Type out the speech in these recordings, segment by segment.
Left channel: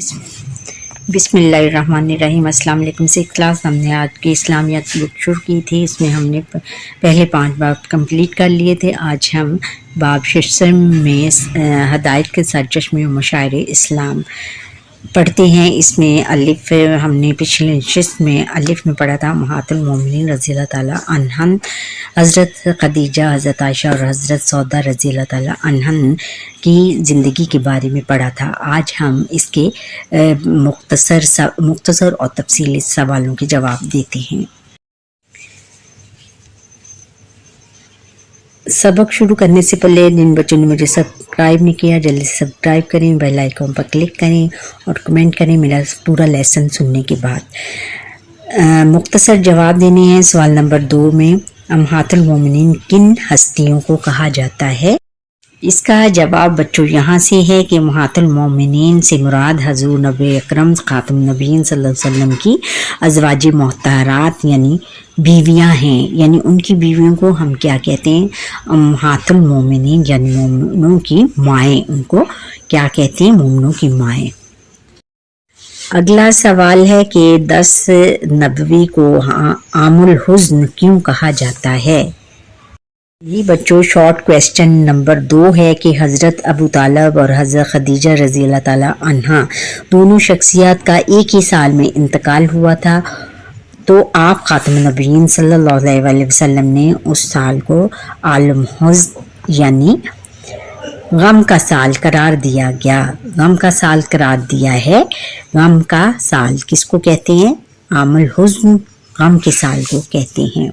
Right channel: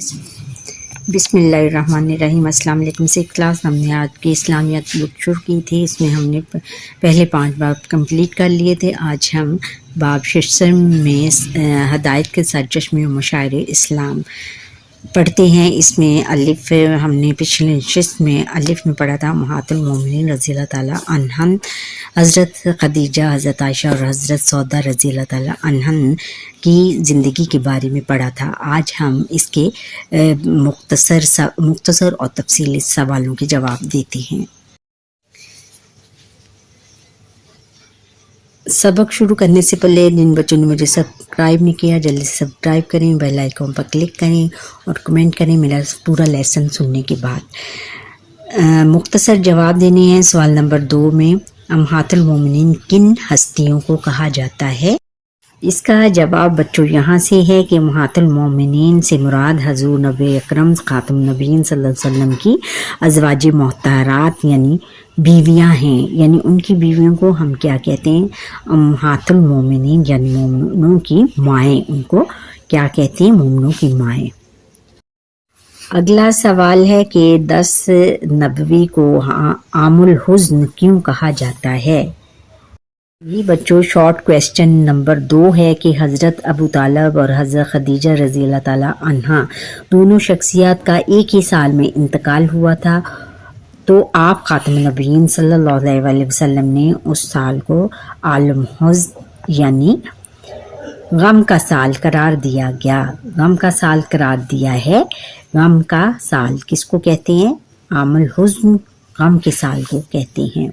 बिस्मिल्लाहिर्रहमानिर्रहीम। अस्सलाम वालेकुम से क्लास हमने आज की इस्लामियात बुक शुरू की थी। इसमें हमने पहले 5 बाब कंप्लीट कर लिए थे। आज हम बाब शिशम में हदायत के सरचश्मे मुशायरे इस्लाम पढ़ते हैं। इसमें अलिफ हमने पिछले नशिस्त में अलिफ में पढ़ा था उम्महातुल मोमिनीन रज़ी अल्लाह ताला अन्हन, हज़रत खदीजा, हज़रत आयशा और हज़रत सौदा रज़ी अल्लाह ताला अन्हन की ज़िंदगी के बारे में पढ़ा था। आज हम इसके मुख्तसर और तफसीली सवालों के जवाब देते हैं। सबक शुरू करने से पहले जिन बच्चों ने मुझे सब्सक्राइब नहीं किया जल्दी से सब्सक्राइब करें, बेल आइकन पर क्लिक करें और कमेंट करें मेरा पूरा लेसन सुनने के बाद। मुख्तसर जवाब देने हैं। सवाल नंबर 2 में उम्महातुल मोमिनीन किन हस्तियों को कहा जाता है? इसका जवाब बच्चों यहाँ से है कि उम्महातुल मोमिनीन से मुराद हज़ूर नबी अकरम खातम नबीन सल्लल्लाहु अलैहि वसल्लम की अज़वाज मोहतरात यानी बीवियाँ हैं। यानी उनकी बीवियों को हम क्या कहते हैं? उम्महातुल मोमिनीन यानी मोमिनों की माएँ। उनको क्या कहते हैं? मोमिनों की माएँ। अगला सवाल है कि 10 नबवी को आमुल हुज़्न क्यों कहा जाता है? ये बच्चों शॉर्ट क्वेश्चन नंबर 2 है कि हज़रत अबू तालब और हज़रत खदीजा रज़ी अल्लाह ताला अन्हा दोनों शख्सियत का एक ही साल में इंतकाल हुआ था। तो आप खातम नबीन सल्लल्लाहु अलैहि वसल्लम ने उस साल को आलम हुज़्न यानी गम का साल करार दिया गया। गम का साल करार दिया है। गम का साल किसको कहते हैं? आमुल हुज़्न गम के साल को कहते हैं।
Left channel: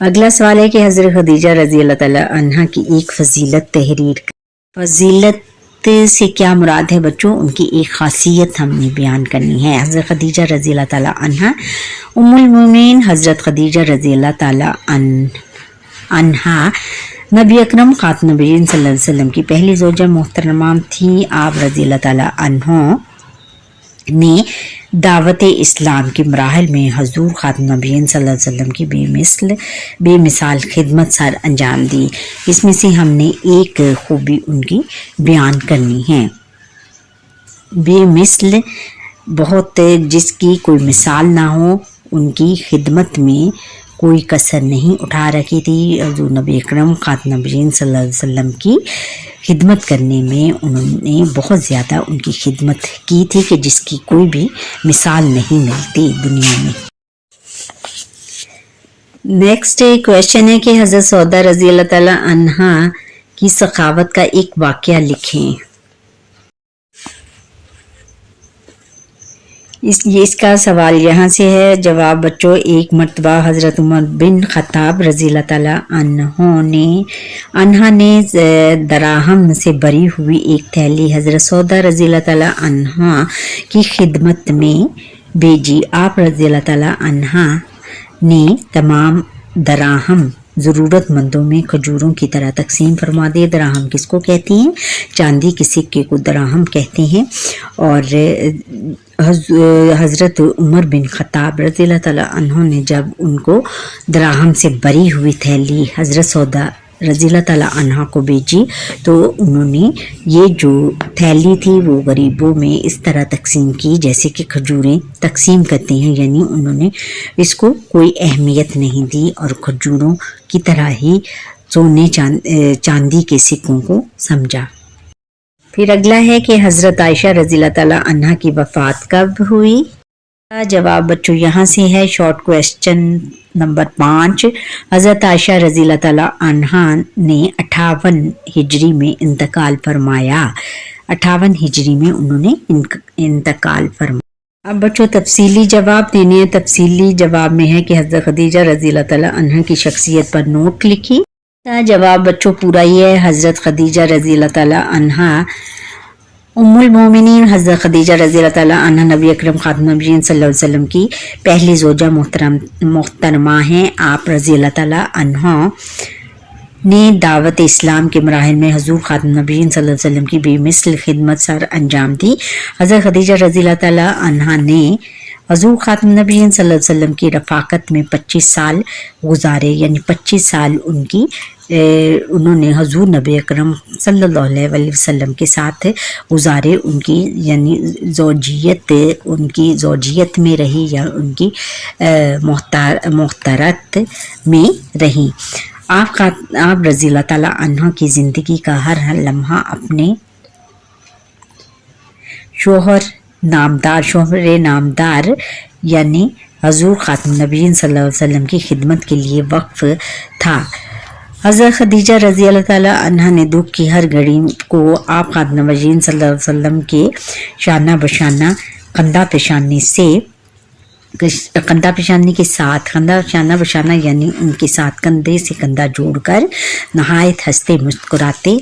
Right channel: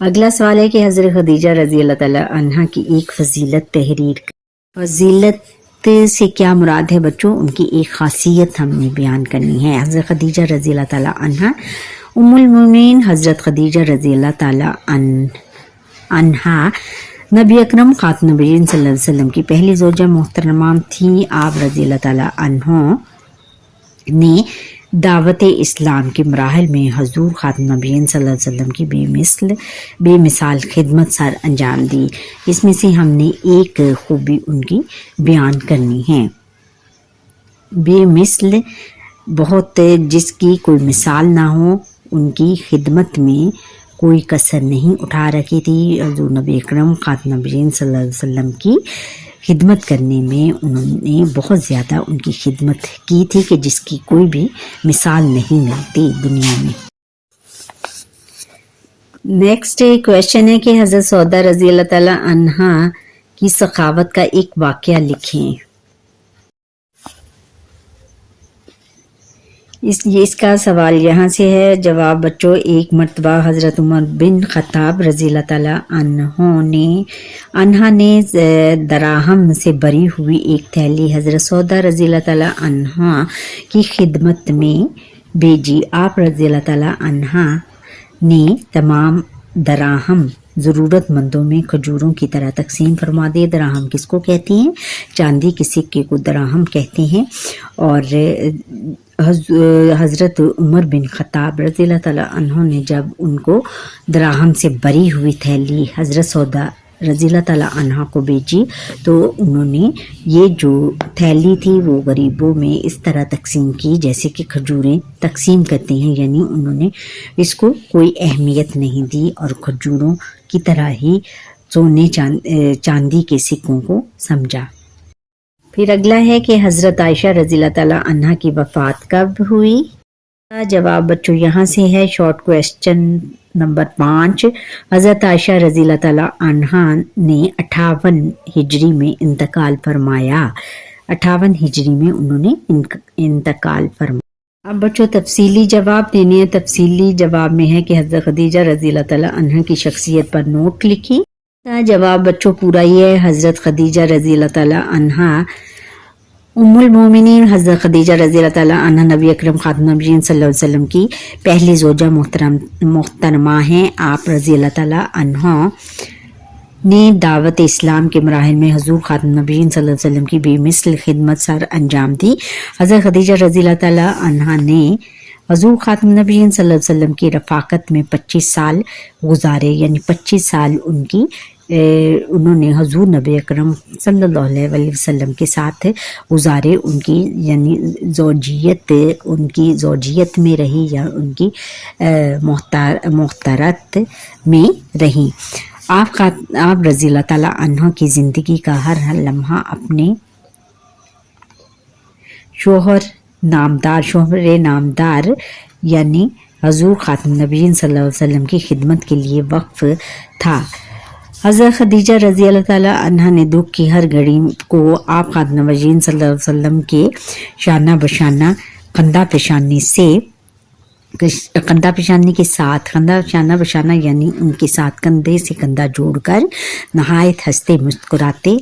अगला सवाल है कि हज़रत खदीजा रज़ी अल्लाह ताला अन्हा की एक फजीलत तहरीर। फजीलत से क्या मुराद है बच्चों? उनकी एक खासियत हमने बयान करनी है। हज़रत खदीजा रज़ी अल्लाह ताला अन्हा उम्मुल मोमिनीन हज़रत खदीजा रज़ी अल्लाह ताला अन्हा नबी अकरम खातम नबीन सल्लल्लाहु अलैहि वसल्लम की पहली ज़ौजा मोहतरमा थी। आप रज़ी अल्लाह ताला अन्हा ने दावत इस्लाम के मराहल में हजूर खातम नबीन सल्लल्लाहु अलैहि वसल्लम की बेमिसाल खिदमत सर अंजाम दी। इसमें से हमने एक खूबी उनकी बयान करनी है। बेमिसल बहुत जिसकी कोई मिसाल ना हो, उनकी खिदमत में कोई कसर नहीं उठा रखी थी। हजूर नबी अकरम खातम नबीन सल्लल्लाहु अलैहि वसल्लम की खिदमत करने में उन्होंने बहुत ज़्यादा उनकी खिदमत की थी कि जिसकी कोई भी मिसाल नहीं मिलती दुनिया में। नेक्स्ट क्वेश्चन है कि हज़रत सौदा रज़ी अल्लाह ताला अन्हा की सखावत का एक वाक़या लिखें। इसका सवाल यहाँ से है। जवाब बच्चों एक मरतबा हज़रत उमर बिन ख़त्ताब रज़ी अल्लाह ताला अन्हा ने दराहम से भरी हुई एक थैली हज़रत सौदा रज़ी अल्लाह ताला अन्हा की खिदमत में भेजी। आप रज़ी अल्लाह ताला अन्हा ने तमाम दराहम ज़रूरतमंदों में खजूरों की तरह तकसीम फरमा दिए। दराहम किसको कहती हैं? चांदी के सिक्के को दराहम कहते हैं। और हज़रत उमर बिन ख़त्ताब रज़ी अल्लाह ताला अन्हु ने जब उनको दराहम से भरी हुई थैली हज़रत सौदा रज़ी अल्लाह ताला अन्हा को भेजी तो उन्होंने ये जो थैली थी वो गरीबों में इस तरह तकसीम की जैसे कि खजूरें तकसीम करते हैं। यानी उन्होंने इसको कोई अहमियत नहीं दी और खजूरों की तरह ही सोने चांदी के सिक्कों को समझा। फिर अगला है कि हज़रत आयशा रज़ी अल्लाह ताला अन्हा की वफ़ात कब हुई? जवाब बच्चों यहाँ से है। शॉर्ट क्वेश्चन नंबर 5 हज़रत आयशा रज़ी अल्लाह ताला अन्हा ने 58 हिजरी में इंतकाल फरमाया। 58 हिजरी में उन्होंने इंतकाल फरमाया। अब बच्चों तफसीली जवाब देने हैं। तफसीली जवाब में है कि हज़रत खदीजा रज़ी अल्लाह ताला अन्हा की शख्सियत पर नोट लिखी। जवाब बच्चों पूरा ही है। हज़रत खदीजा रज़ी अल्लाह ताला अन्हा उम्मुल मोमिनीन हज़रत खदीजा रज़ी अल्लाह ताला अन्हा नबी अकरम खातम नबीन सल्लल्लाहु अलैहि वसल्लम की पहली ज़ौजा मोहतरमा हैं। आप रज़ी अल्लाह ताला अन्हा ने दावत इस्लाम के मराहिल में हजूर खातम नबीन सल्लल्लाहु अलैहि वसल्लम की बेमिसल खिदमत सर अंजाम दी। हज़रत खदीजा रज़ी अल्लाह ताला अन्हा ने हजूर ख़ातम नबीय्यीन सल्लल्लाहु अलैहि वसल्लम की रफ़ाकत में 25 साल गुजारे, यानी 25 साल उन्होंने हजूर नबी अकरम सल्लल्लाहु अलैहि वसल्लम के साथ गुजारे। उनकी यानी उनकी ज़ौजियत में रही या उनकी मोहतरत में रही। आप रज़ी अल्लाह ताला अन्हा की ज़िंदगी का हर लम्हा अपने शोहर नामदार यानी हजूर ख़ातम नबीय्यीन सल्लल्लाहु अलैहि वसल्लम की खिदमत के लिए वक्फ था। हज़रत खदीजा रज़ी अल्लाह ताला अन्हा ने दुख की हर घड़ी को आप ख़ातम नबीय्यीन सल्लल्लाहु अलैहि वसल्लम के शाना बशाना कंधा बशाना यानी उनके साथ कंधे से कंधा जोड़कर नहायत हंसते मुस्कुराते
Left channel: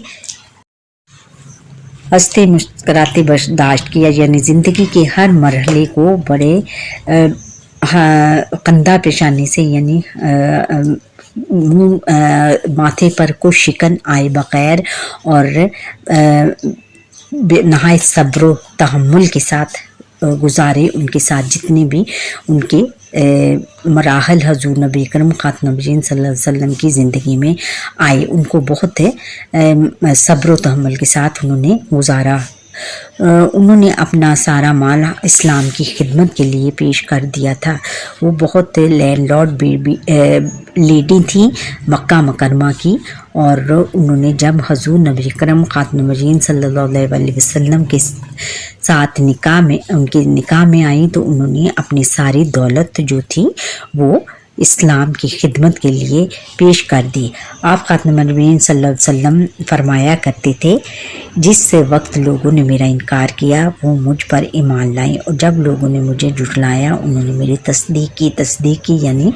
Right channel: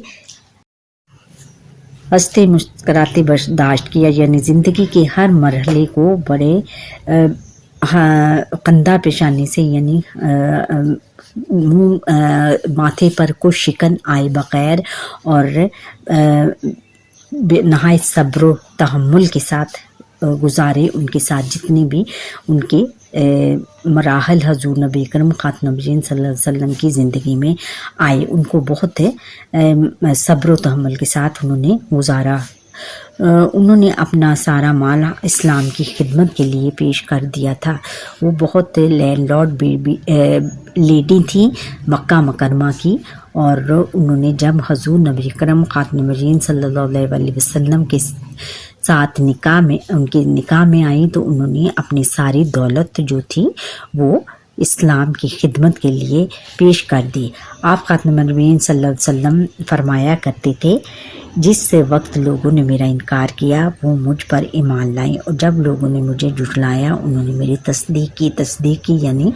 बर्दाश्त किया, यानी ज़िंदगी के हर मरहले को बड़े कंधा पेशानी से यानी माथे पर कुछ शिकन आए बगैर और नहायत सब्र तहम्मुल के साथ गुजारे। उनके साथ जितने भी उनके मराहल हजूर नबी अकरम ख़ातम नबीय्यीन सल्लल्लाहु अलैहि वसल्लम की ज़िंदगी में आए, उनको बहुत सब्र तहम्मुल के साथ उन्होंने गुजारा। उन्होंने अपना सारा माल इस्लाम की खिदमत के लिए पेश कर दिया था। वो बहुत लैंडलॉर्ड लेडी थी मक्का मुकरमा की, और उन्होंने जब हजूर नबी अकरम ख़ातम नबीय्यीन सल्लल्लाहु अलैहि वसल्लम के साथ उनके निकाह में आई तो उन्होंने अपनी सारी दौलत जो थी वो इस्लाम की खिदमत के लिए पेश कर दी। आप ख़ातम नबीय्यीन सल्लल्लाहु अलैहि वसल्लम फरमाया करते थे, जिस वक्त लोगों ने मेरा इनकार किया वो मुझ पर ईमान लाए, और जब लोगों ने मुझे झुठलाया उन्होंने मेरी तस्दीक की यानी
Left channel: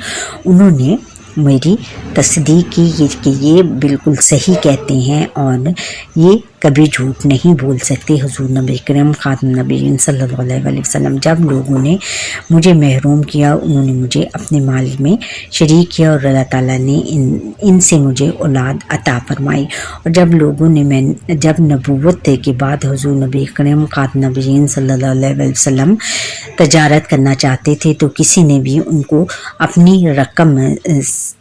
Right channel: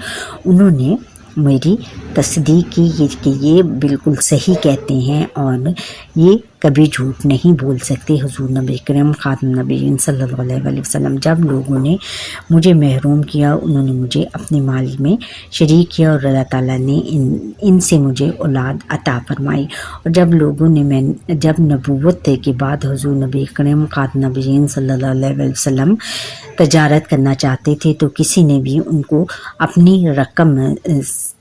उन्होंने मेरी तस्दीक की कि ये बिल्कुल सही कहते हैं और ये कभी झूठ नहीं बोल सकते। हुजूर नबी करीम ख़ातम नबीय्यीन सल्लल्लाहु अलैहि वसल्लम जब लोगों ने मुझे महरूम किया, उन्होंने मुझे अपने माल में शरीक किया और अल्लाह ताला ने इनसे मुझे औलाद अता फरमाई। और जब नबूवत के बाद हुजूर नबी करीम ख़ातम नबीय्यीन सल्लल्लाहु अलैहि वसल्लम तजारत करना चाहते थे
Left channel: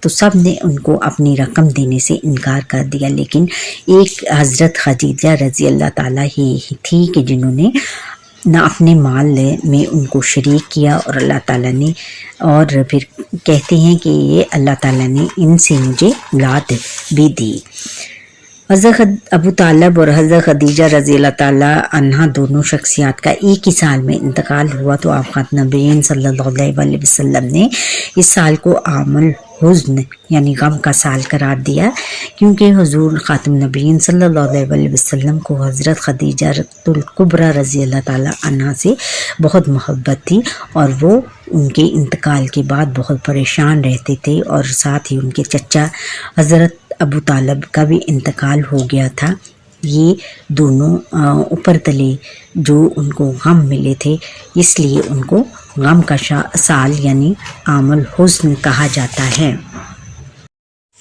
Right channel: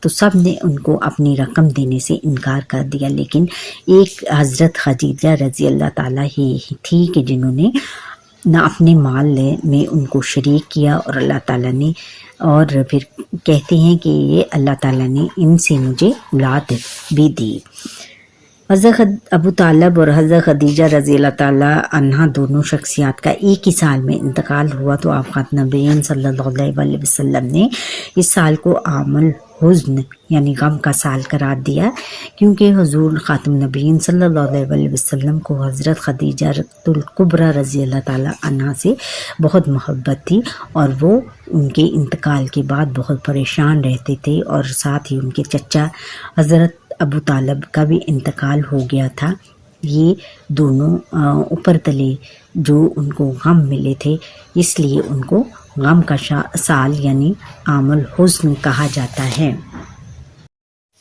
तो सब ने उनको अपनी रकम देने से इनकार कर दिया, लेकिन एक हज़रत खदीजा रज़ी अल्लाह ताला ही थी कि जिन्होंने न अपने माल में उनको शरीक किया, और अल्लाह ताला ने और फिर कहते हैं कि ये अल्लाह ताला ने इनसे मुझे औलाद भी दी। हज़रत अबू तालिब और हज़रत खदीजा रज़ी अल्लाह ताला अन्हा दोनों शख्सियात का एक ही साल में इंतकाल हुआ, तो आप ख़ातम नबीय्यीन सल्लल्लाहु अलैहि वसल्लम ने इस साल को आमुल हुज़्न यानी गम का साल करार दिया, क्योंकि हुजूर ख़ातम नबीय्यीन सल्लल्लाहु अलैहि वसल्लम को हज़रत खदीजा कुबरा रज़ी अल्लाह ताला अन्हा से बहुत मोहब्बत थी, और वो उनके इंतकाल के बाद बहुत परेशान रहते थे, और साथ ही उनके चचा हज़रत अबू तालिब का भी इंतकाल हो गया था। ये दोनों ऊपर तले जो उनको गम मिले थे, इसलिए उनको गम का साल यानी आमुल हुज़्न कहा जाता है।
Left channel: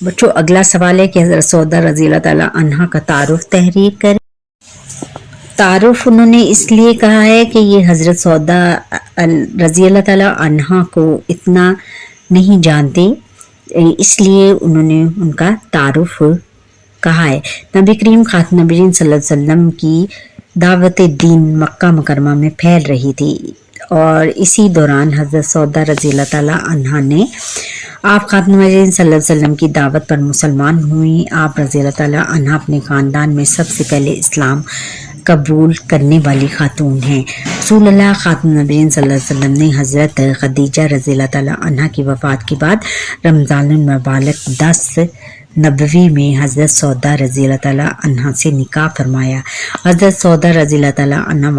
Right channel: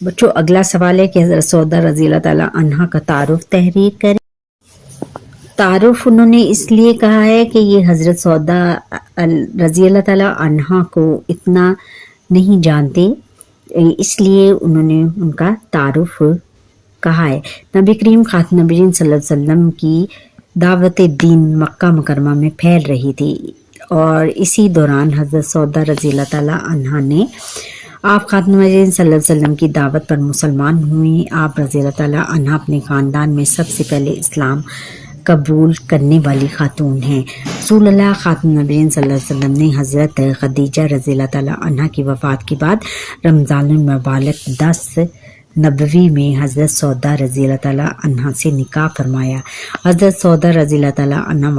बच्चों, अगला सवाल है कि हज़रत सौदा रज़ी अल्लाह ताला अन्हा का तारुफ तहरीर करें। तारुफ उन्होंने इसलिए कहा है कि ये हज़रत सौदा रज़ी अल्लाह ताला अन्हा को इतना नहीं जानती, इसलिए उन्होंने उनका तारुफ कहा है। नबी करीम ख़ातम नबीय्यीन सल्लल्लाहु अलैहि वसल्लम की दावत दीन मक्का मुकरमा में फैल रही थी, और इसी दौरान हज़रत सौदा रज़ी अल्लाह ताला अन्हा ने आप ख़ातम नबीय्यीन सल्लल्लाहु अलैहि वसल्लम की दावत पर मुसलमान हुई। आप रज़ी अल्लाह ताला अन्हा अपने ख़ानदान में सबसे पहले इस्लाम कबूल करने वाली खातून हैं। रसूलुल्लाह ख़ातम नबीय्यीन सल्लल्लाहु अलैहि वसल्लम ने हज़रत खदीजा रज़ी अल्लाह ताला अन्हा की वफ़ात के बाद रमज़ानुल मुबारक 10 नबवी में हज़रत सौदा रज़ी अल्लाह ताला अन्हा से निकाह फरमाया। हज़रत सौदा रज़ी अल्लाह ताला अन्हा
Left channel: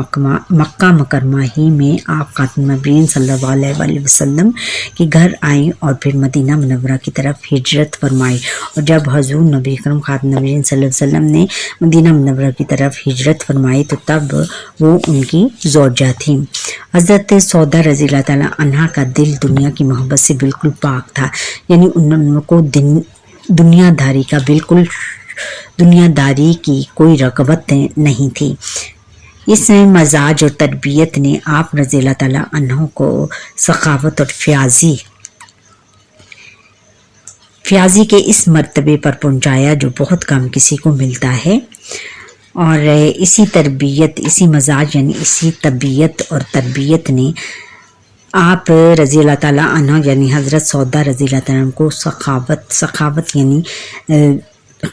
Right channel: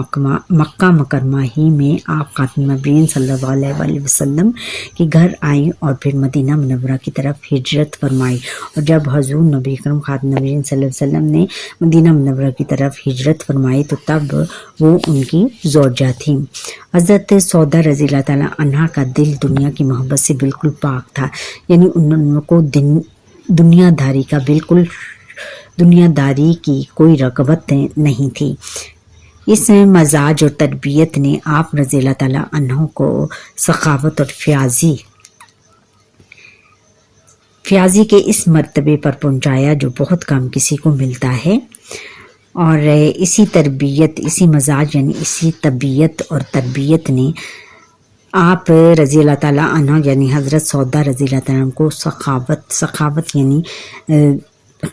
मक्का मुकरमा ही में आप ख़ातम नबीय्यीन सल्लल्लाहु अलैहि वसल्लम के घर आए और फिर मदीना मुनव्वरा की तरफ हिजरत फरमाई। और जब हज़ूर नबी अकरम ख़ातम नबीय्यीन सल्लल्लाहु अलैहि वसल्लम ने मदीना मुनव्वरा की तरफ हिजरत फरमाई तो तब वो उनकी ज़ौजा थी। हज़रत सौदा रज़ी अल्लाह ताला अन्हा का दिल दुनिया की मोहब्बत से बिल्कुल पाक था, यानी उनको दुनियादारी की कोई रग़बत नहीं थी। اس مزاج اور تربیت نے آپ رضی اللہ تعالیٰ عنہ کو سخاوت اور فیاضی کے اس مرتبے پر پہنچایا جو بہت کم کسی کو ملتا ہے، اور اسی تربیت، اسی مزاج یعنی اسی طبیعت اور تربیت نے آپ رضی اللہ تعالیٰ عنہ یعنی حضرت سودا رضی اللہ تعالیٰ عنہ کو سخاوت یعنی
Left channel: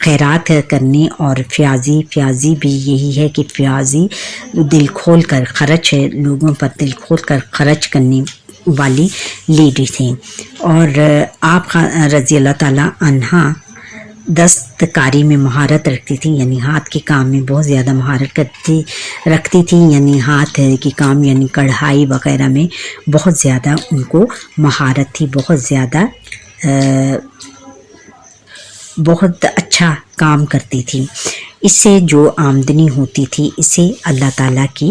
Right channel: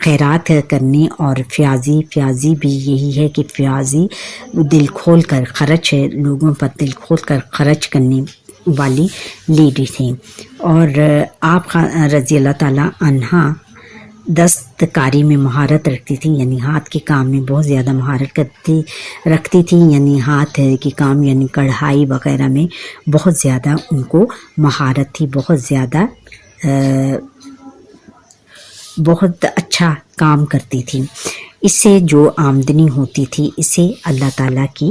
خیرات کرنے، اور فیاضی بھی یہی ہے کہ فیاضی دل کھول کر خرچ ہے، لوگوں پر دل کھول کر خرچ کرنے والی لیڈی تھیں، اور آپ رضی اللہ تعالیٰ عنہ دستکاری میں مہارت رکھتی تھی، یعنی ہاتھ کے کام میں بہت زیادہ مہارت رکھتی تھی، یعنی ہاتھ کے کام یعنی کڑھائی وغیرہ میں بہت زیادہ ان کو مہارت تھی، بہت اچھا کام کرتی تھی۔ اس سے جو آمدنی ہوتی تھی اسے اللہ تعالیٰ کی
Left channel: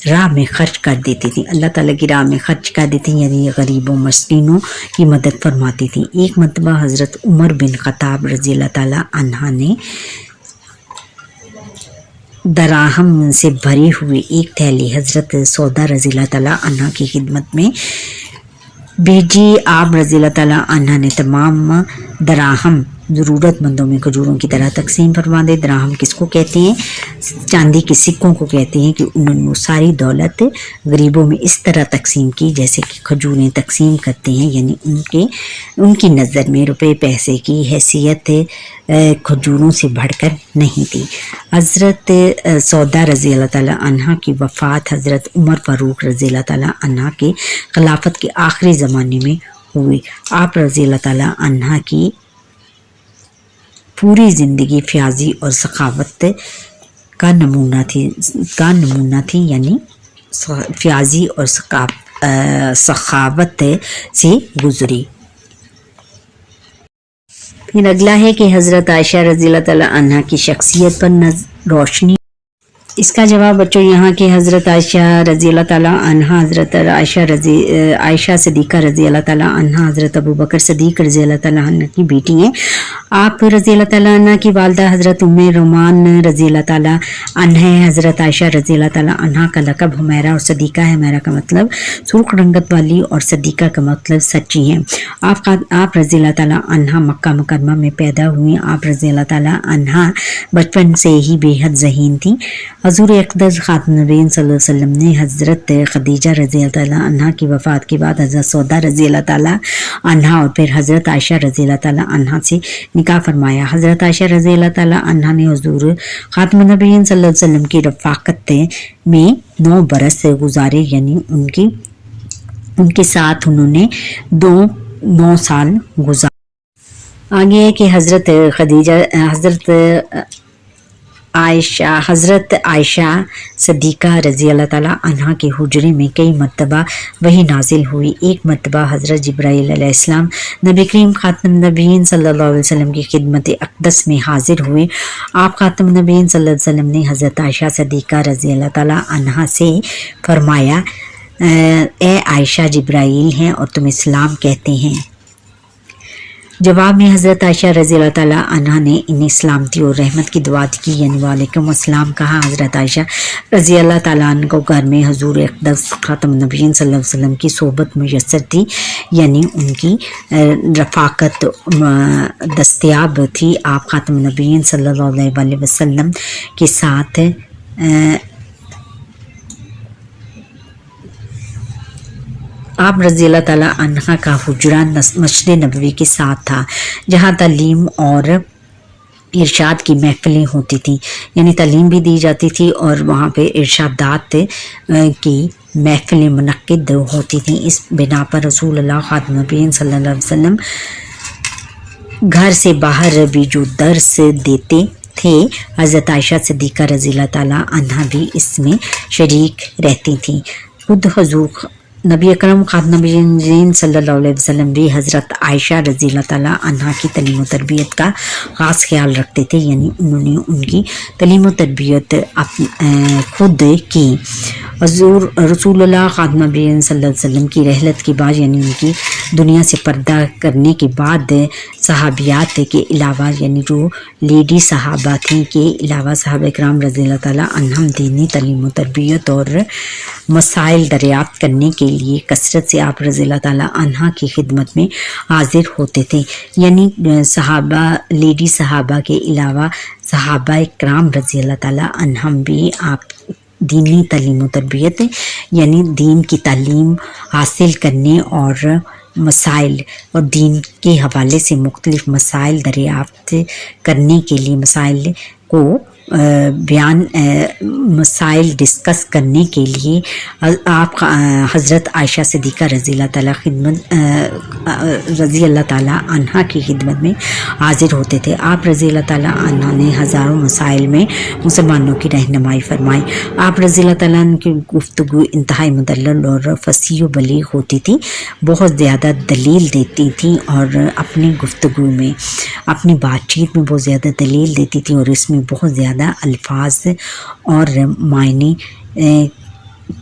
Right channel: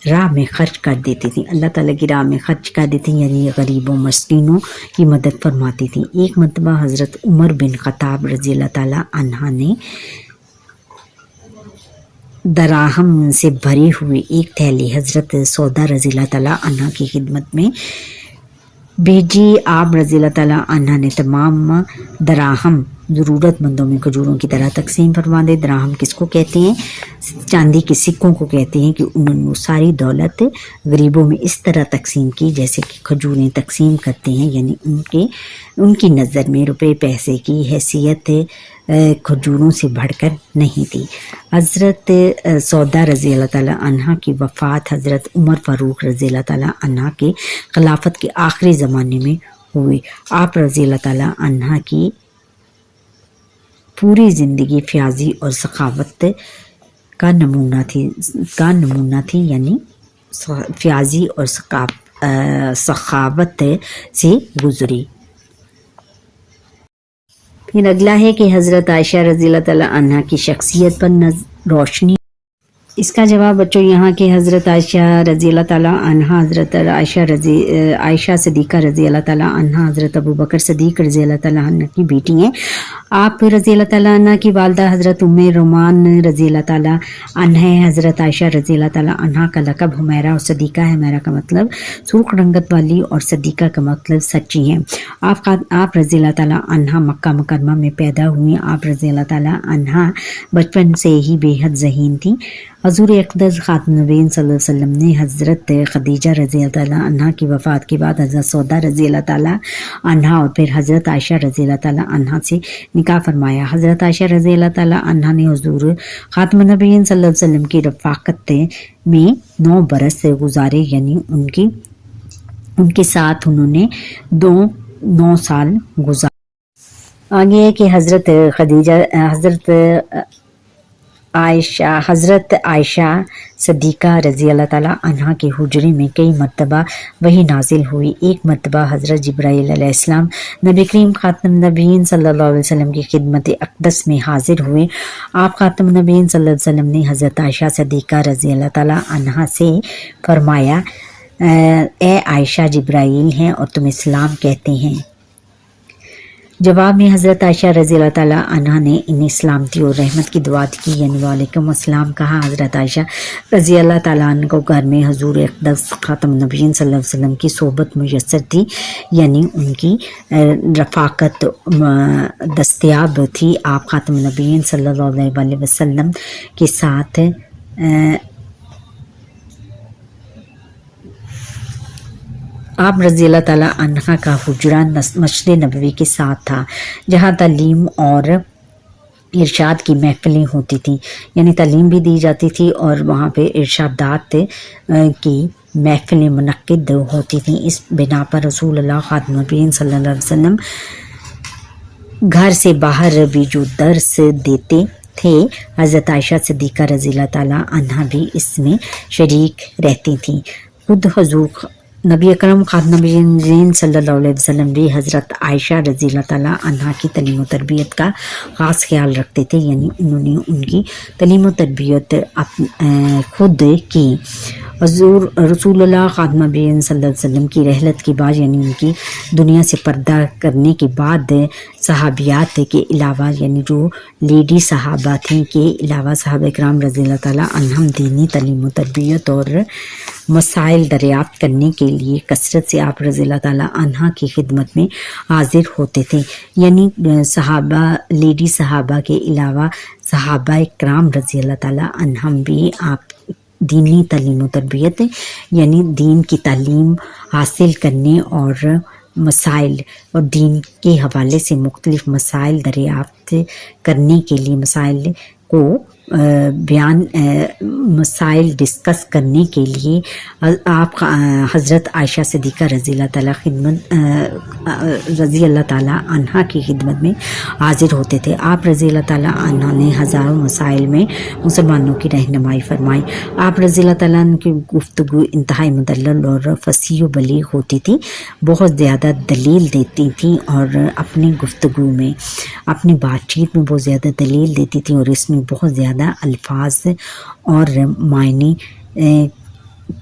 راہ میں خرچ کر دیتی تھی، اللہ تعالیٰ کی راہ میں خرچ کر دیتی، یعنی غریبوں مسکینوں کی مدد فرماتی تھی۔ ایک مرتبہ حضرت عمر بن خطاب رضی اللہ تعالیٰ عنہ نے دراہم سے بھری ہوئی ایک تھیلی حضرت سودا رضی اللہ تعالیٰ عنہ کی خدمت میں بھیجی۔ آپ رضی اللہ تعالیٰ عنہ نے تمام دراہم ضرورت مندوں میں کھجوروں کی طرح تقسیم فرما دے۔ دراہم کس کو کہتے ہیں؟ چاندی کے سکوں کو کہتے ہیں، کہ انہوں نے ساری دولت غریبوں میں اس طرح تقسیم کی جیسے کہ کھجوریں تقسیم کرتے ہیں، یعنی ان کی نظر میں روپے پیسے کی حیثیت کھجوروں سے بڑھ کر نہیں تھی۔ حضرت سودا رضی اللہ تعالیٰ عنہ کی وفات حضرت عمر فاروق رضی اللہ تعالیٰ عنہ کے خلافت کے آخری زمانے میں ہوئی۔ آپ رضی اللہ تعالیٰ عنہ کی پوری زندگی فیاضی اور سخاوت کا نمونہ تھی، یعنی فیاضی اور سخاوت سے گزری۔ پھر اگلا ہے کہ حضرت عائشہ رضی اللہ تعالیٰ عنہ کی شخصیت پر روشنی۔ اس کا جواب بچوں یہاں کہ حضرت عائشہ رضی اللہ تعالیٰ عنہ حضرت عائشہ صدیقہ رضی اللہ تعالیٰ عنہ حضرت ابو بکر صدیق رضی اللہ تعالیٰ عنہ کی بیٹی ہیں۔ آپ رضی اللہ تعالیٰ عنہ کی والدہ حضرت ام رومان رضی اللہ تعالیٰ عنہ ہے۔ حضرت عائشہ رضی اللہ تعالیٰ عنہ کا لقب حمیرہ اور صدیقہ ہے۔ حمیرہ کا مطلب سرخ رنگت والی اور صدیقہ کا مطلب سچی ہیں۔ آپ رضی اللہ تعالیٰ عنہ مکہ مکرمہ میں پیدا ہوئی۔ آپ رضی اللہ تعالیٰ عنہ بچپن سے ہی بے حد ذہین تھی۔ حضور اقدس خاتم النبیین صلی اللہ علیہ وسلم نے حضرت خدیجہ رضی اللہ تعالیٰ عنہ کی وفات کے بعد حضرت سودا رضی اللہ تعالیٰ عنہ اور پھر حضرت عائشہ رضی اللہ تعالیٰ عنہ سے نکاح فرمایا۔ حضرت عائشہ رضی اللہ تعالیٰ عنہ نے حضور خاتم النبیین صلی اللہ علیہ وسلم کی رفاقت میں 9 برس گزارے، یعنی ان کے ساتھ انہوں نے 9 سال گزارے۔ آگے ہے کہ حضرت عائشہ صدیقہ رضی اللہ تعالیٰ عنہ کے حجرے میں کئی مرتبہ وحی نازل ہوئی۔ ایک مرتبہ حضرت جبرائیل علیہ السلام نبی کریم خاتم النبیین صلی اللہ علیہ وسلم کی خدمت اقدس میں حاضر ہوئے۔ آپ خاتم النبیین صلی اللہ علیہ وسلم نے حضرت عائشہ صدیقہ رضی اللہ تعالیٰ عنہ سے فرمایا، اے عائشہ جبرائیل ہیں اور تم اسلام کہتے ہیں۔ جواب میں حضرت عائشہ رضی اللہ تعالیٰ عنہ نے انہیں سلامتی اور رحمت کی دعا کی، یعنی وعلیکم السلام کہا۔ حضرت عائشہ رضی اللہ تعالیٰ عنہ کو گھر میں حضور اقدس خاتم النبیین صلی اللہ علیہ وسلم کی صحبت میسر تھی، یعنی ان کی رفاقت دستیاب تھی۔ آپ خاتم النبیین صلی اللہ علیہ وسلم کے ساتھ آپ رضی اللہ تعالیٰ عنہ کا حجرہ مسجد نبوی کے ساتھ تھا، جہاں تعلیم اور ارشاد کی محفلیں ہوتی تھیں، یعنی تعلیم بھی دی جاتی تھی اور وہاں پہ ارشادات کی محفلیں منعقد ہوتی تھیں۔ اس بنا پر رسول اللہ خاتم النبیین صلی اللہ علیہ وسلم گھر سے باہر بھی جو درس دیتے تھے، حضرت عائشہ صدیقہ رضی اللہ تعالیٰ عنہ بھی اس میں شریک رہتی تھیں۔ خود حضور नबी अकरम खातम नबीयीन सल्लल्लाहु अलैहि वसल्लम भी हज़रत आयशा रज़ी अल्लाह ताला अन्हा की तालीम व तरबियत का ख़ास ख्याल रखते थे, यानी उन्होंने उनकी तालीम व तरबियत खुद की। हज़ूर रसूलुल्लाह खातम नबीयीन सल्लल्लाहु अलैहि वसल्लम की रहलत के बाद, यानी उनकी दुनिया से पर्दा करने के बाद सहाबियात के अलावा, यानी जो लेडी सहाबा थी के अलावा सहाबा इकराम रज़ी अल्लाह ताला अन्हम दीनी तालीम व तरबियत और मसाइल दरियाफ्त करने के लिए कसरत से आप रज़ी अल्लाह ताला अन्हा की खिदमत में हाजिर होते थे। यानी सहाबा, लेडी सहाबा के अलावा सहाबा इकराम रज़ी अल्लाह ताला अन्हम भी आप दीनी तालीम व तरबियत, यानी दीन की तालीम हासिल करने और मसाइल और दीन के हवाले से मुख्तलिफ मसाइल दरियाफ्त करने के लिए, मसाइल को बयान, मसाइल डिस्कस करने के लिए आप हज़रत आयशा सिद्दीक़ा रज़ी अल्लाह ताला अन्हा की खिदमत में हाजिर होते थे। आप रज़ी अल्लाह ताला अन्हा ने हज़ारों मसाइल में मुसलमानों की रहनुमाई फरमाई। आप रज़ी अल्लाह ताला की गुफ्तगू इंतहाई मुदल्लल और फसीह व बलीग होती थी, बहुत ज़्यादा दलील देती थी और अपनी गुफ्तगू में, अपनी बातचीत में बहुत ज़्यादा दलील देती थी और इसमें बहुत ज़्यादा अल्फाज और मायने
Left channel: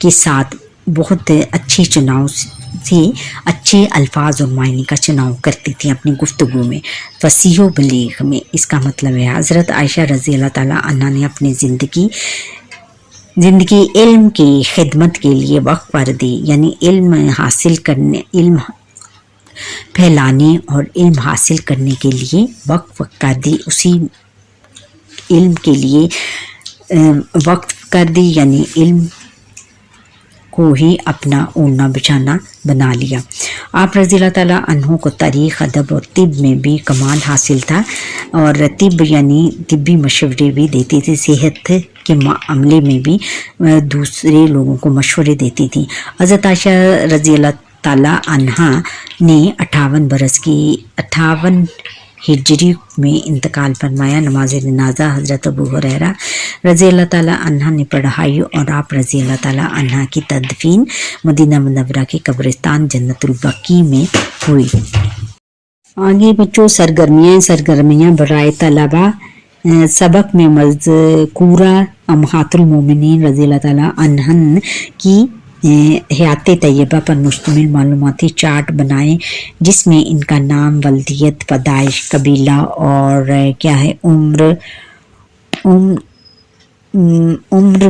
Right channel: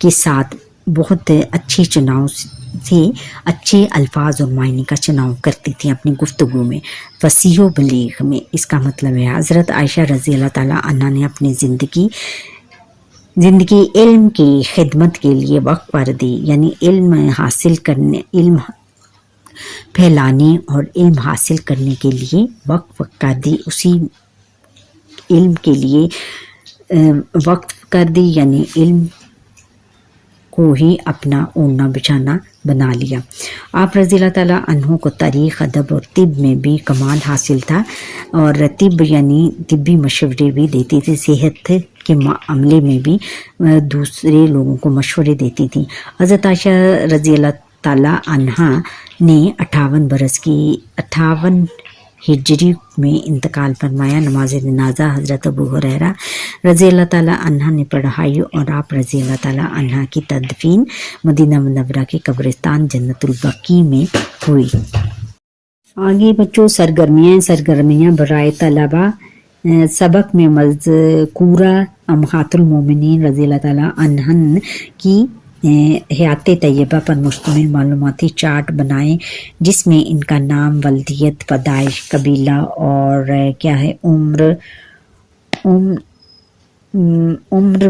के साथ बहुत अच्छी चुनाव से अच्छे अल्फाज और मायने का चुनाव करती थी अपनी गुफ्तगू में, फसीह व बलीग में। इसका मतलब है हज़रत आयशा रज़ी अल्लाह ताला अन्हा ने अपनी ज़िंदगी इल्म की खिदमत के लिए वक्फ कर दी, यानी इल्म हासिल करने, इल्म फैलाने और इल्म हासिल करने के लिए वक्फ कर दी, उसी इल्म के लिए वक्त कर दी, यानी इल्म को ही अपना ओढ़ना बिछाना बना लिया। आप रज़ी अल्लाह ताला अन्हों को तारीख़, अदब और तिब में भी कमाल हासिल था और तिब यानी तिब्बी मशवरे भी देती थी, सेहत के मामले में भी दूसरे लोगों को मशवरे देती थी। हज़रत आयशा रज़ी अल्लाह ताला अन्हा ने 58 हिजरी में इंतकाल फरमाया। नमाज जनाजा हज़रत अबू हुरैरा रज़ी अल्लाह ताला अन्हा ने पढ़ाई और आप रज़ी अल्लाह ताला अन्हा की तदफीन मदीना मुनव्वरा के कब्रिस्तान जन्नतुल बकी में हुई। आगे बच्चों सरगर्मियाँ बराए तलबा सबक में मज़कूरा अम्हातुल मोमिनीन रज़ी अल्लाह ताला अन्हन की हयात तैयबा पर मुश्तमिल मालूमाती चार्ट बनाए, जिसमें इनका नाम, वल्दियत, पैदाइश, कबीला और क्या है उम्र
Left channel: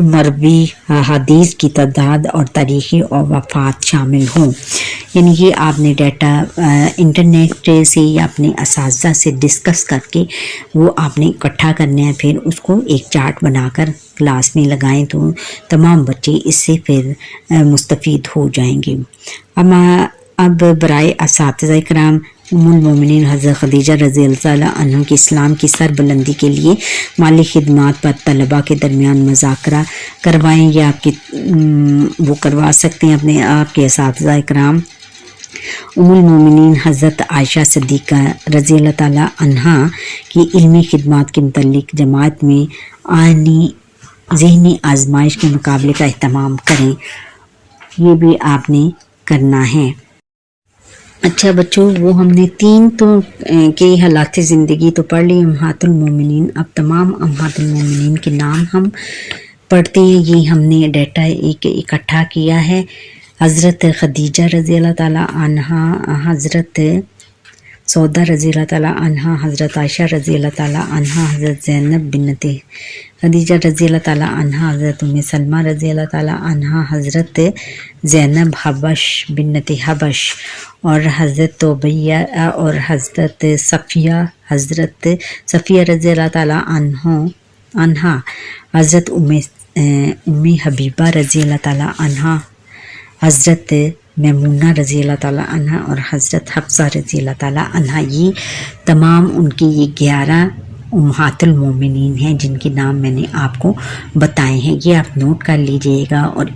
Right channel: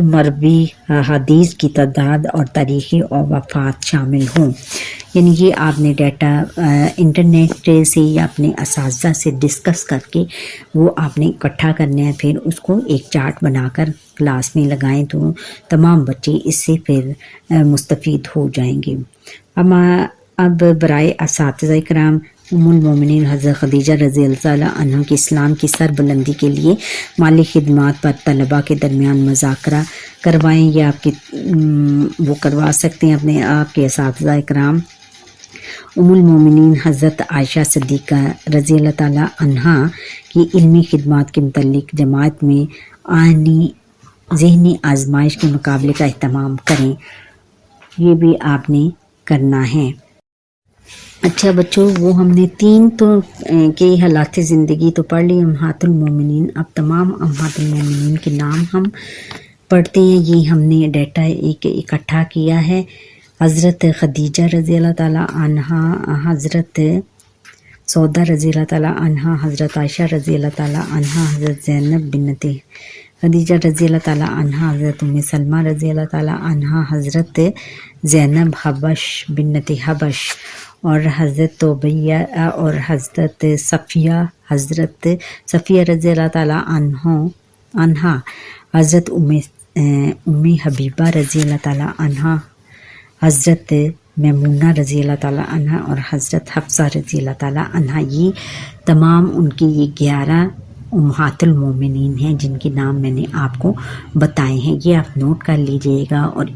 मरवी हदीस की तादाद और तारीख़ी और वफ़ात शामिल हों। यानी ये आपने डाटा इंटरनेट से या अपने असातिज़ा से डिस्कस करके वो आपने इकट्ठा करना है, फिर उसको एक चार्ट बनाकर क्लास में लगाएं तो तमाम बच्चे इससे फिर मुस्तफ़ीद हो जाएंगे। अब बराए असातिज़ा इकराम उम्मुल मोमिनीन हज़रत खदीजा रज़ी अल्लाह अन्हा की इस्लाम की सरबुलंदी के लिए माली खिदमात पर तलबा के दरमियान मुज़ाकरा करवाएं, या आपके वो करवा सकते हैं अपने आपके असातिज़ा इकराम। उम्मुल मोमिनीन हज़रत आयशा सिद्दीक़ा रज़ी अल्लाह ताला अन्हा की इल्मी खिदमात के मुतल्लिक़ जमात में आनी ज़हनी आजमाइश के मुकाबले का एहतमाम करें, ये भी आपने करना है। अच्छा बच्चों, वो हमने 3 तो के हालात ज़िंदगी तो पढ़ ली, अम्हातुल मोमिनीन। अब तमाम अम्हातुल मोमिनीन के नाम हम पढ़ते हैं। ये हमने डाटा एक इकट्ठा किया है। हज़रत खदीजा रज़ी अल्लाह ताला अन्हा, हज़रत सौदा रज़ी अल्लाह ताला अन्हा, हज़रत आयशा रज़ी अल्लाह ताला अन्हा, हज़रत ज़ैनब बिन्नते खदीजा रज़ी अल्लाह ताला अन्हा, हज़रत उम्मे सलमा रज़ी अल्लाह ताला अन्हा, हज़रत ज़ैनब हबश बिन्नते हबश और हज़रत तोबैया और हज़रत सफ़िया रज़ी अल्लाह ताला अन्हा, हज़रत उम्मे हबीबा रज़ी अल्लाह ताला अन्हा, हज़रत मैमूना रज़ी अल्लाह ताला अन्हा और हज़रत हफ्सा रज़ी अल्लाह ताला अन्हा। ये तमाम उनकी ये 11 उम्हातुल मोमिनीन हैं जिनके नाम मैंने आपको बताए हैं। ये आप नोट कर लीजिएगा और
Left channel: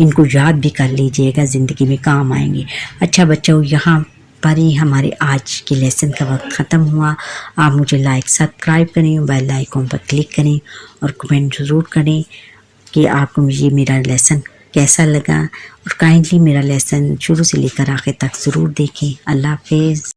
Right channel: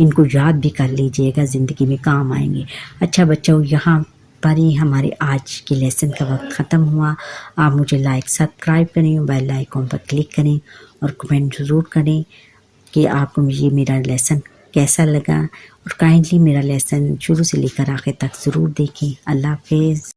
इनको याद भी कर लीजिएगा, ज़िंदगी में काम आएंगे। अच्छा बच्चों, यहाँ पर ही हमारे आज के लेसन का वक्त ख़त्म हुआ। आप मुझे लाइक सब्सक्राइब करें, बेल आइकॉन पर क्लिक करें और कमेंट ज़रूर करें कि आपको ये मेरा लेसन کیسا لگا، اور کائنڈلی میرا لیسن شروع سے لے کر آخر تک ضرور دیکھیں. اللہ حافظ.